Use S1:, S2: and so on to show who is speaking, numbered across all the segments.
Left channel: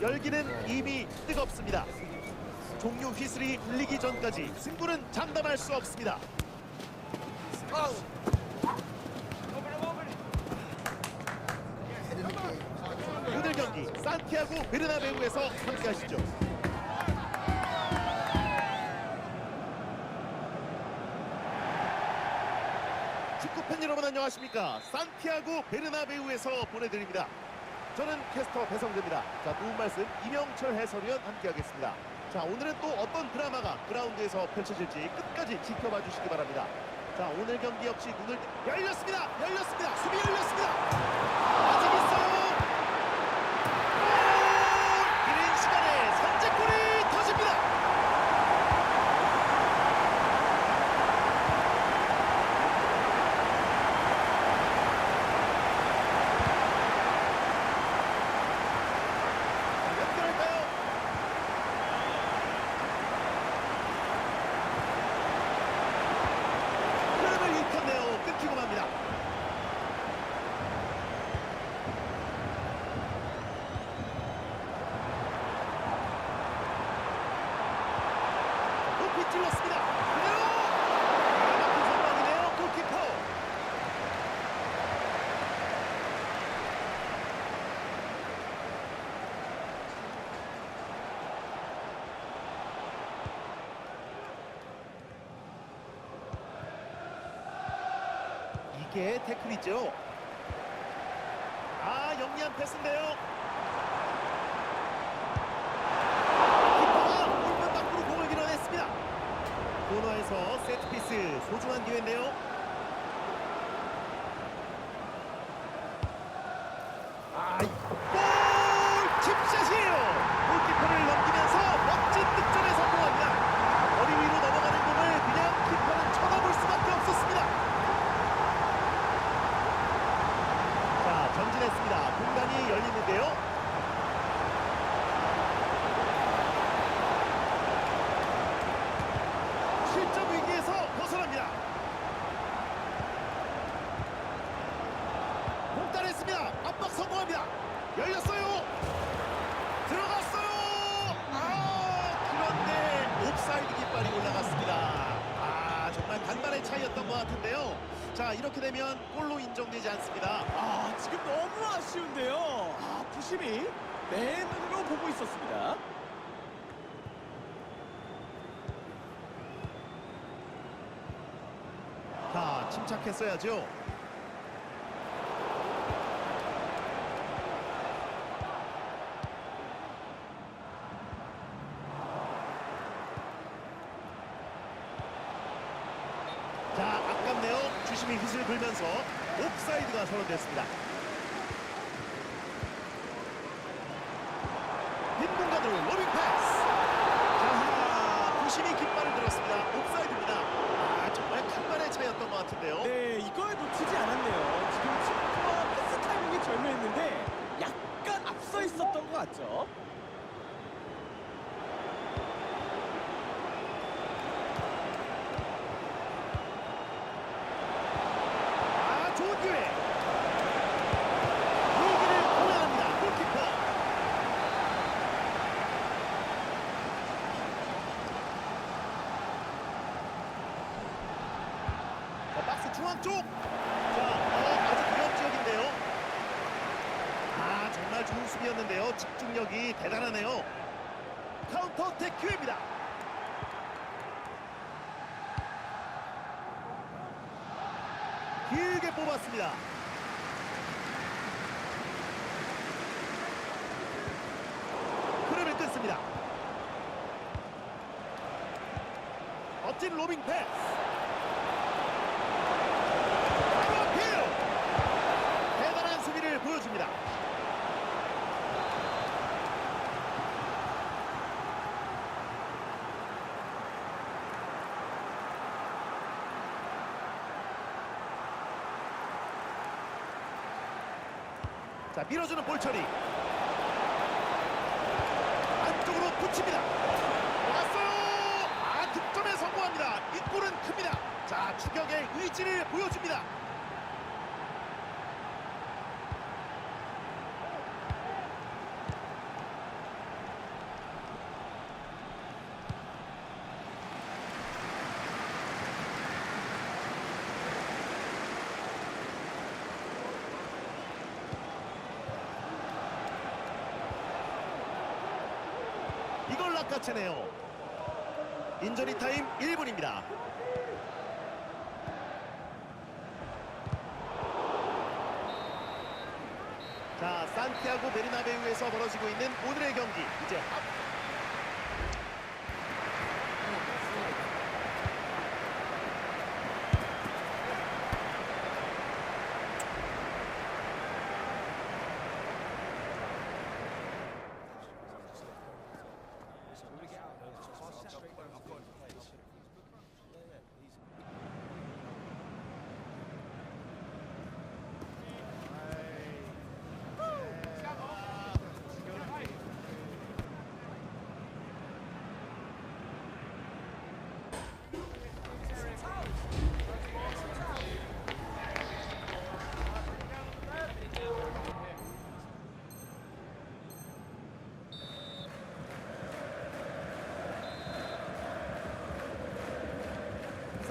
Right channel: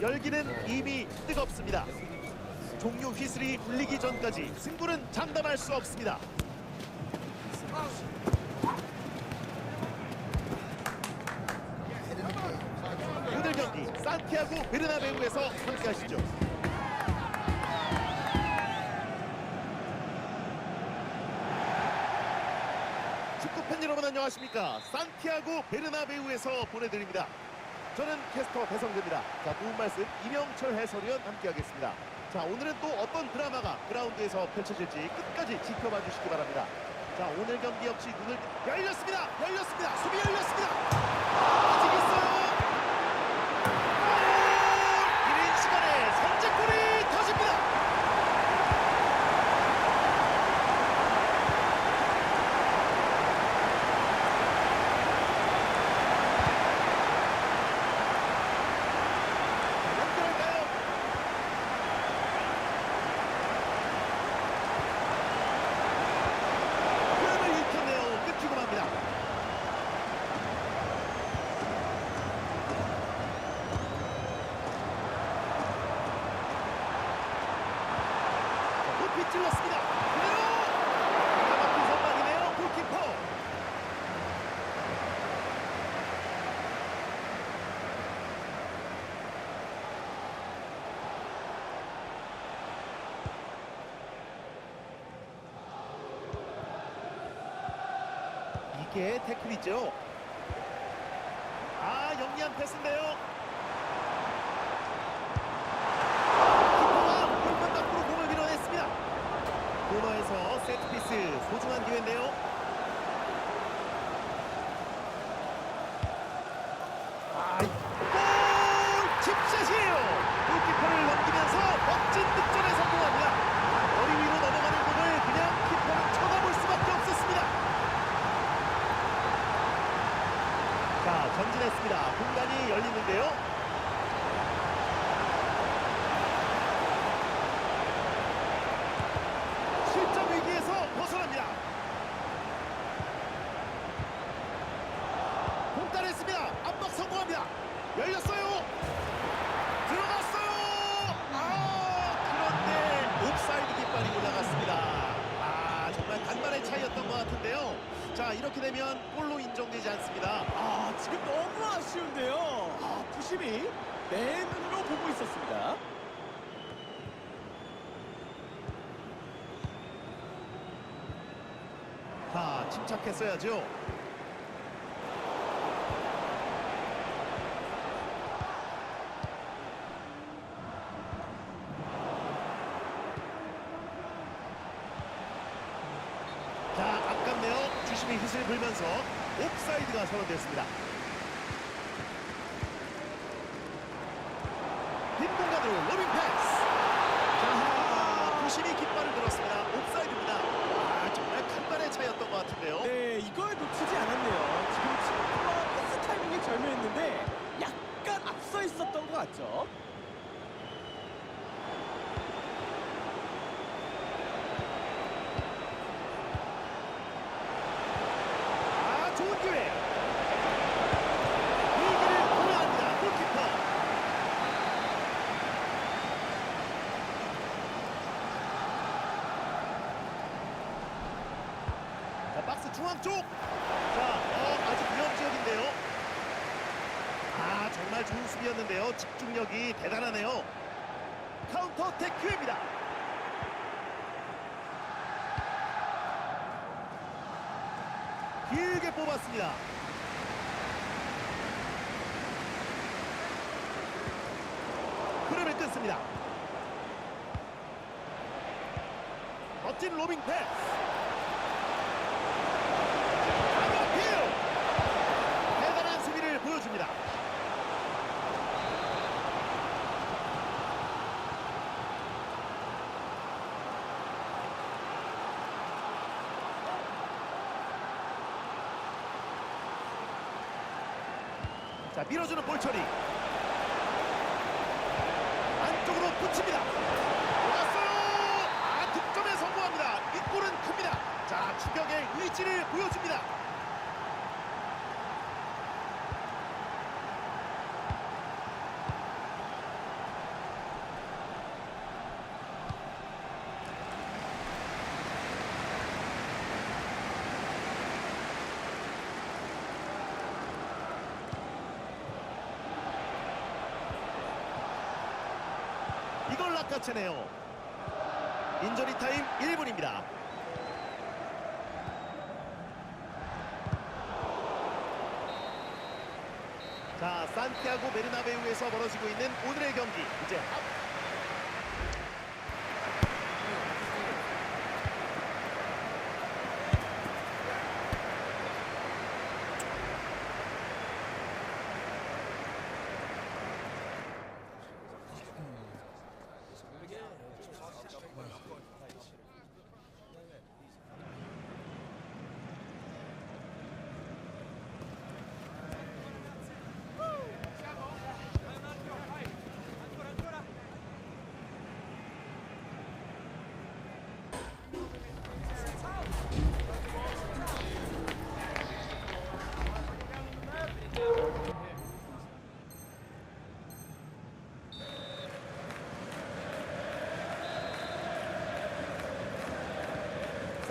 S1: 열기는 이미 뜨겁습니다. 종료 휘슬이 울리기 전까지 승부는 장담할 수 없습니다. 오늘 경기 산티아고 베르나베우에서 함께하시죠. 축구팬 여러분 안녕하십니까? 산티아고 베르나베우에서 보내드립니다. 저는 캐스터 배성재입니다. 자, 도움 말씀 이명철 해설위원 함께하겠습니다. 자, 오늘은 또 어떤 드라마가 그라운드에서 펼쳐질지 끝까지 지켜봐 주시기 바랍니다. 자, 오늘 경기 역시 눈을 열렸습니다. 열렸습니다. 수비 열렸습니다. 아직 있어요. 골! 이른 시간에 선제골이 터집니다. 자, 연결할까요? 흐름을 잃겠네요. 끊기고 맙니다. 자, 높이 찔렀습니다. 그대로 기가 막힌 선방이네요. 골키퍼. 이게 태클이죠. 아 영리한 패스인데요. 키퍼가 골문 밖으로 공을 밀어냈습니다. 코너에서 세트피스 소중한 기회인데요. 아, 골! 칩샷이에요. 골키퍼를 넘기면서 멋진 득점에 성공합니다. 아, 머리 위로 넘어가는 공을 그냥 키퍼는 쳐다볼 수밖에 없었습니다. 자, 전진했습니다. 공간이 열리는데요. 실점 위기에서 벗어납니다. 공단했습니다. 압박 성공합니다. 열렸어요. 들어갔어요. 아, 그런데 옵사이드 깃발이 올라갔습니다. 아, 정말 간만의 차이였던 것 같은데요. 자, 이렇게 되면 골로 인정되지 않습니다.
S2: 아 지금 너무 아쉬운데요. 아 부심이 내 눈으로 보고 있었습니다.
S1: 자, 침착했어야죠. 자, 아깝네요. 주심이 휘슬 불면서 옵사이드가 선언됐습니다. 빈 공간으로 로빙 패스. 자, 부심이 깃발을 들었습니다. 옵사이드입니다. 아, 정말 간만의 차이였던 것 같은데요.
S2: 네 이걸 놓치지 않았네요. 지금 침투와 패스 타이밍이 절묘했는데 약간 앞서 있었던 것 같죠.
S1: 아, 좋은 기회. 위기를 공연합니다. 골키퍼. 자, 박스 중앙 쪽. 자, 어, 아직 위험 지역인데요. 아, 정말 좋은 수비였는데요. 집중력이 대단하네요. 카운터 어택 기회입니다. 길게 뽑았습니다. 흐름을 끊습니다. 멋진 로빙 패스. 강력필 대단한 수비를 보여줍니다. 자 밀어주는 볼 처리. 안쪽으로 붙입니다. 들어갔어요! 아 득점에 성공합니다. 이 골은 큽니다. 자 추격의 의지를 보여줍니다 낚아채네요. 인저리 타임 1분입니다. 자, 산티아고 베르나베우에서 벌어지고 있는 오늘의 경기 이제 합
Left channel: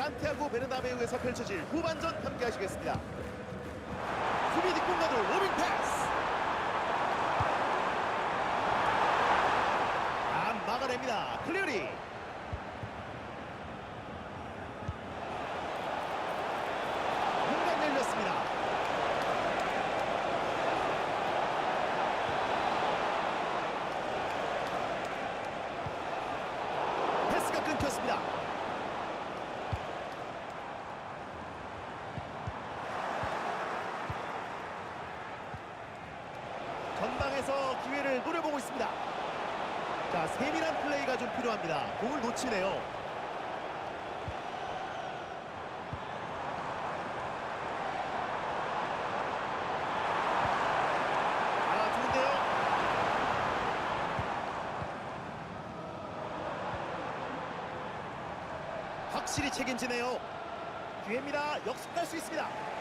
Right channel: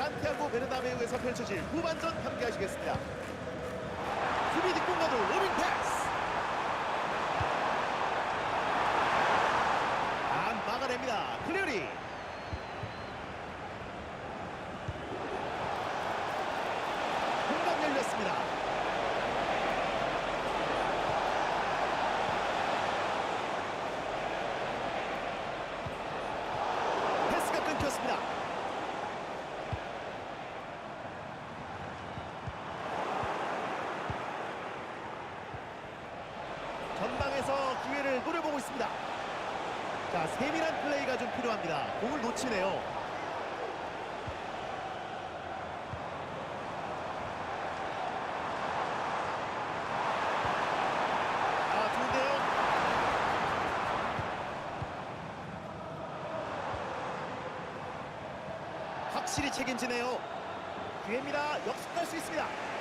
S1: 산티아고 베르나베우에서 펼쳐질 후반전 함께 하시겠습니다. 수비 뒷공간으로 로빙 패스. 안 막아냅니다. 클리어리. 공간 열렸습니다. 패스가 끊겼습니다. 전방에서 기회를 노려보고 있습니다. 자, 세밀한 플레이가 좀 필요합니다. 공을 놓치네요. 아, 좋은데요? 확실히 책임지네요. 기회입니다. 역습할 수 있습니다.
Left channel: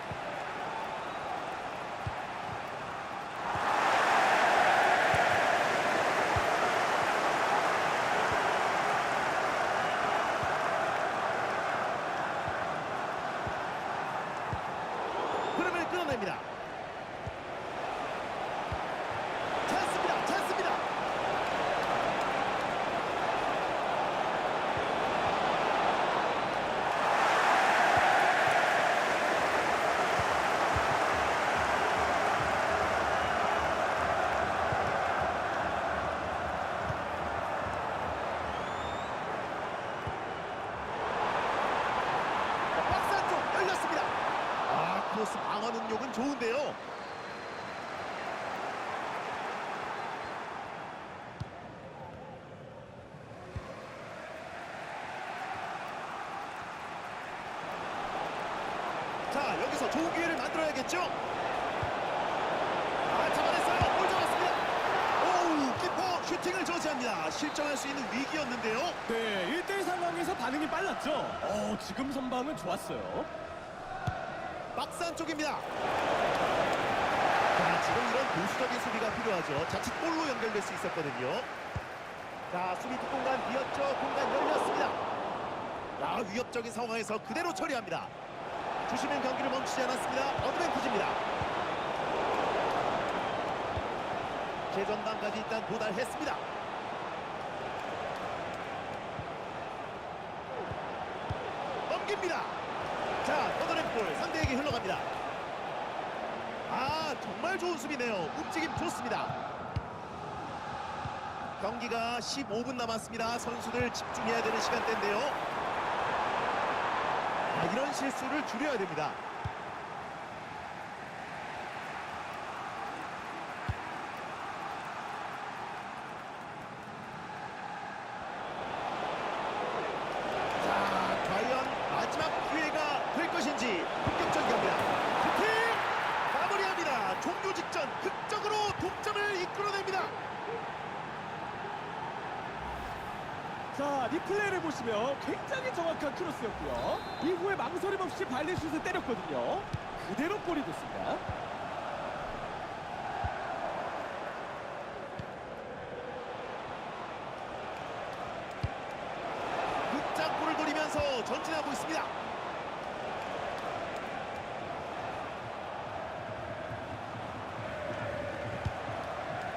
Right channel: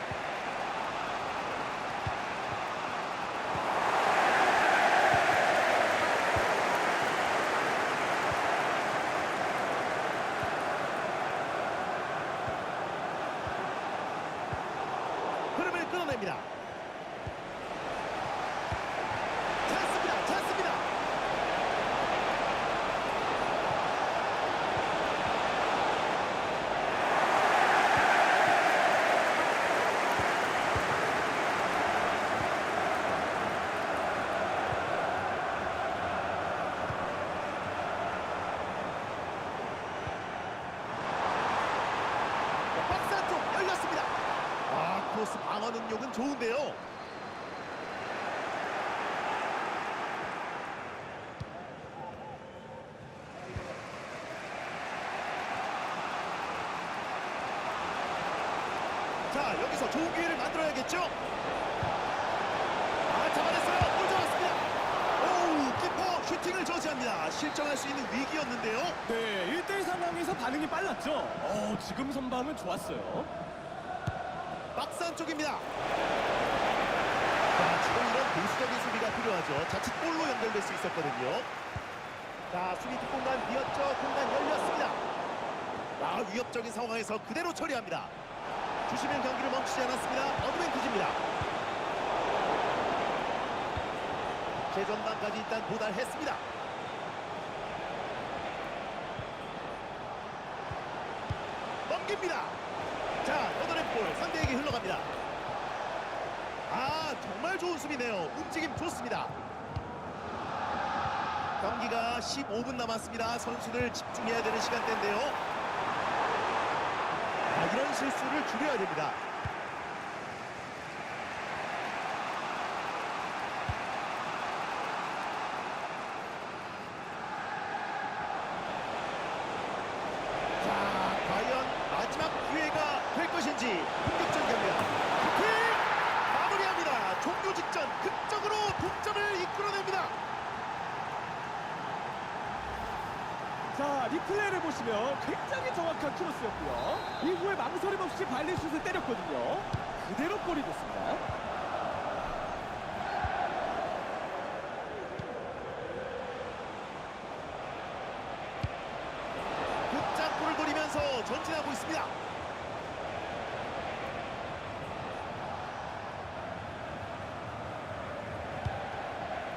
S1: 흐름을 끊어냅니다. 찬스입니다. 자, 박스 안쪽 열렸습니다. 아, 크로스 방어 능력은 좋은데요. 자, 여기서 좋은 기회를 만들어야겠죠? 아, 잡아냈어요. 볼 잡았습니다. 오우, 키퍼 슈팅을 저지합니다. 실점할 수 있는 위기였는데요.
S2: 네, 1대1 상황에서 반응이 빨랐죠. 어, 지금 선방은 좋았어요.
S1: 박스 안쪽입니다. 자, 지금 이런 보수적인 수비가 필요하죠. 자칫 골로 연결될 수 있었거든요. 자, 수비 뒷공간 비었죠. 공간 열렸습니다. 아, 위협적인 상황에서 그대로 처리합니다. 주시면 경기를 멈추지 않았습니다. 어드밴티지입니다. 최전방까지 일단 도달했습니다. 넘깁니다. 자, 걷어낸 볼 상대에게 흘러갑니다. 아, 정말 좋은 수비네요. 움직임 좋습니다. 경기가 15분 남았습니다. 선수들 집중해야 되는 시간대인데요. 아, 이런 실수를 줄여야 됩니다. 자, 과연 마지막 기회가 될 것인지 본격적인 경기다. 슈팅! 마무리합니다. 종료 직전 극적으로 동점을 이끌어냅니다.
S2: 자, 리플레이를 보시면 굉장히 정확한 크로스였고요. 이후에 망설임 없이 발리슛을 때렸거든요. 그대로 골이 됐습니다.
S1: 극장골을 노리면서 전진하고
S2: 있습니다.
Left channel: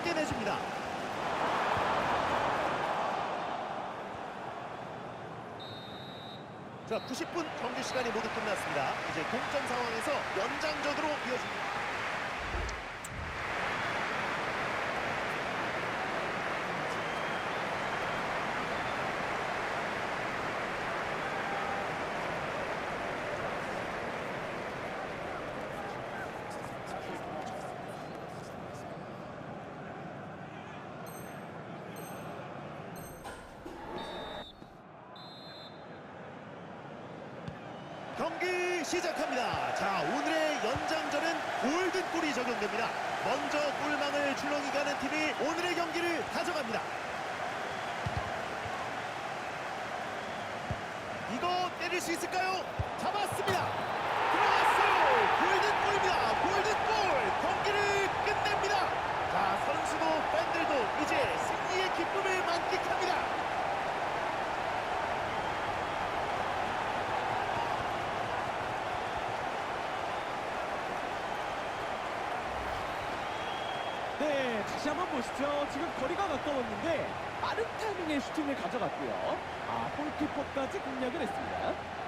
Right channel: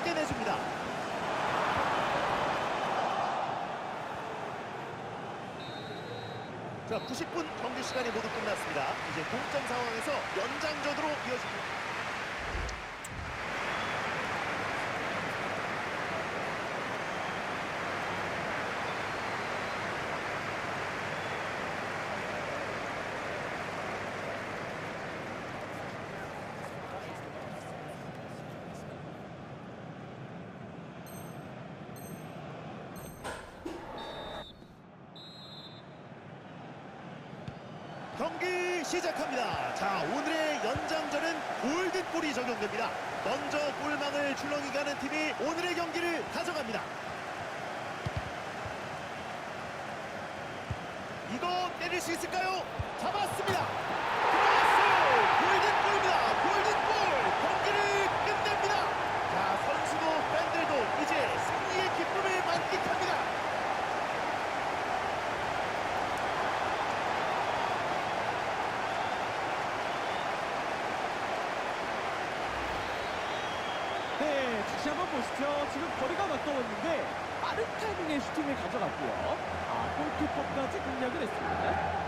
S1: 짧게 내줍니다. 자, 90분 경기 시간이 모두 끝났습니다. 이제 동점 상황에서 연장전으로 이어집니다. 경기 시작합니다. 자, 오늘의 연장전은 골든골이 적용됩니다. 먼저 골망을 출렁이 가는 팀이 오늘의 경기를 가져갑니다. 이거 때릴 수 있을까요? 잡았습니다. 들어갔어요. 골든골입니다. 골든골. 경기를 끝냅니다. 자, 선수도 팬들도 이제 승리의 기쁨을 만끽합니다.
S2: 네, 다시 한번 보시죠. 지금 거리가 가까웠는데 빠른 타이밍에 슈팅을 가져갔고요. 아, 골키퍼까지 공략을 했습니다.